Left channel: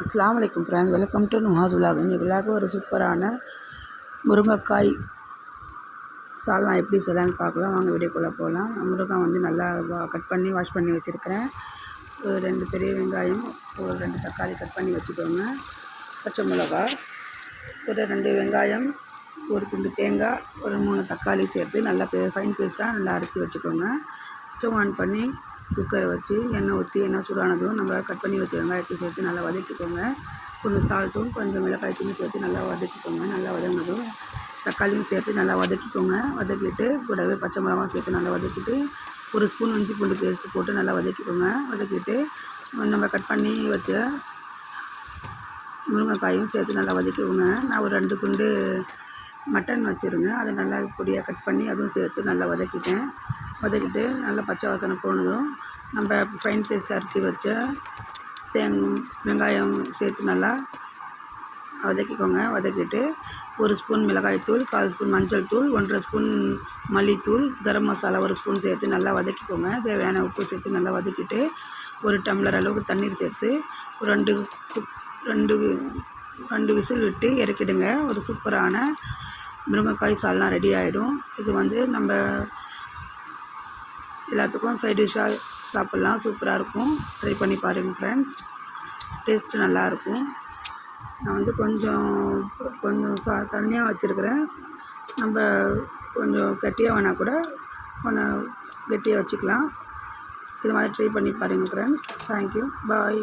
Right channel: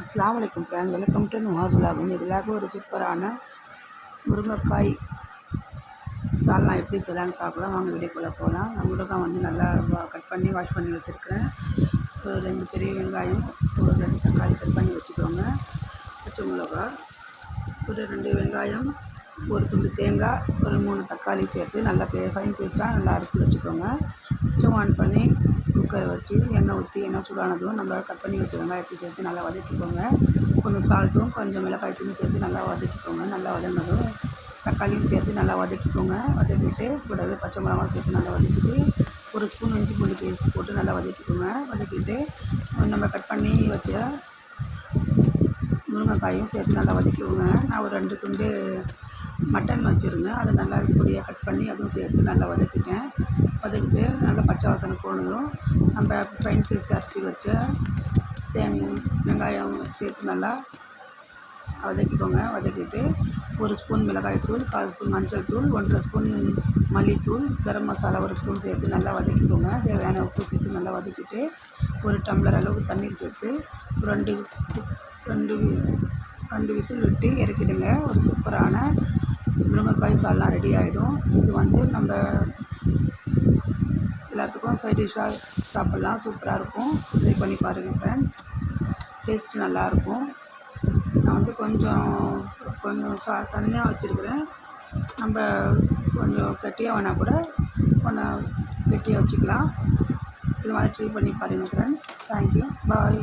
அஸ்ஸலாமு அலைக்கும் friends, welcome to நுஹாஸ் vlog. இந்த விலாக் ஒரு சூப்பரான முருங்கைக்காய் சால்னா எப்படி செய்யலான்னு பார்க்கலாம். வாங்க வீடியோக்குள்ளே போகலாம். முருங்காய் வந்து நல்லா கட் பண்ணி வாஷ் பண்ணி வச்சுருக்கிறேன். ஒரு 2 பெரிய வெங்காயம், ஒரு 2 தக்காளி கட் பண்ணி வச்சுக்கோங்க. பச்சை மிளகா, ஒரு 2 வெங்காயம், ஒரு துண்டு தேங்காய், ஒரு 3 தக்காளி சேர்த்து நல்லா ஃபைன் பேஸ்ட்டாக நல்லா அரைச்சி வச்சுக்கோங்க. ஸ்டவ் ஆன் பண்ணி குக்கரை வச்சு எண்ணெய் ஊற்றி எண்ணெய் சூடானதும் நம்ம கட் பண்ணி வச்ச வெங்காயத்தை சேர்த்து நல்லா வதக்கிக்கோங்க. கொஞ்சம் சால்ட்டும் கொஞ்சம் மிளகாய் தூளும் சேர்த்து நல்லா வதக்கிக்கோங்க. நல்லா வதங்கினதும் தக்காளியும் சேர்த்து நல்லா வதக்கிக்கோங்க. வதக்கிட்டு கூடவே பச்சை மிளகாவும் சேர்த்து நல்லா வதக்கிட்டு ஒரு ஸ்பூன் இஞ்சி பூண்டு பேஸ்ட்டு போட்டு நல்லா வதக்கிக்கோங்க. வதக்கிட்டு நம்ம கட் பண்ணி வச்ச முருங்கைக்காயும் சேர்த்து நல்லா வதக்கிக்கோங்க. நான் ஒரு 2 துண்டு மட்டன் வச்சுருங்க, அதை நல்லா பொடியாக கட் பண்ணி அதுவும் சேர்த்து நல்லா வதக்கிட்டு நல்லா பச்சை வாசனை போனதும் நம்ம ஃபைன் பேஸ்ட் அரைச்சி வச்ச வெங்காயம் சேர்த்து நல்லா வதக்கிக்கோங்க. வதக்கிட்டு 1 ஸ்பூன் மிளகாய்த்தூள், 1/4 ஸ்பூன் மஞ்சள் தூள், 1/2 ஸ்பூன் மல்லித்தூள், கரம் மசாலா 1 ஸ்பூன் சேர்த்து நல்லா வதக்கிக்கோங்க. தேவையான உப்பு சேர்த்து நல்லா வதக்கிட்டு 1 டம்ளர் அளவுக்கு தண்ணீர் சேர்த்து ஒரு 2 விசில் விட்டு இறக்கிடுங்க. ஒரு சூப்பரான முருங்கைக்காய் சால்னா ரெடி ஆகிடும். இது வந்து நம்ம எல்லாத்துக்கும் சைட் டிஷ்ஷாக சாப்பிட்லாம். சூப்பராக இருக்கும். ட்ரை பண்ணி பாருங்கள் ஃப்ரெண்ட்ஸ். டேஸ்ட்டு நல்லாயிருக்கும். நான் வந்து கொஞ்சம் தண்ணியாக வச்சுருக்கிறேன். நம்ம கொஞ்சம் கெட்டியாக வேணால் கூட கொஞ்சம் கெட்டியாக வச்சுக்கலாம். இது மாதிரி ட்ரை பண்ணி பாருங்கள் ஃப்ரெண்ட்ஸ். தேங்க்யூ, பாய்.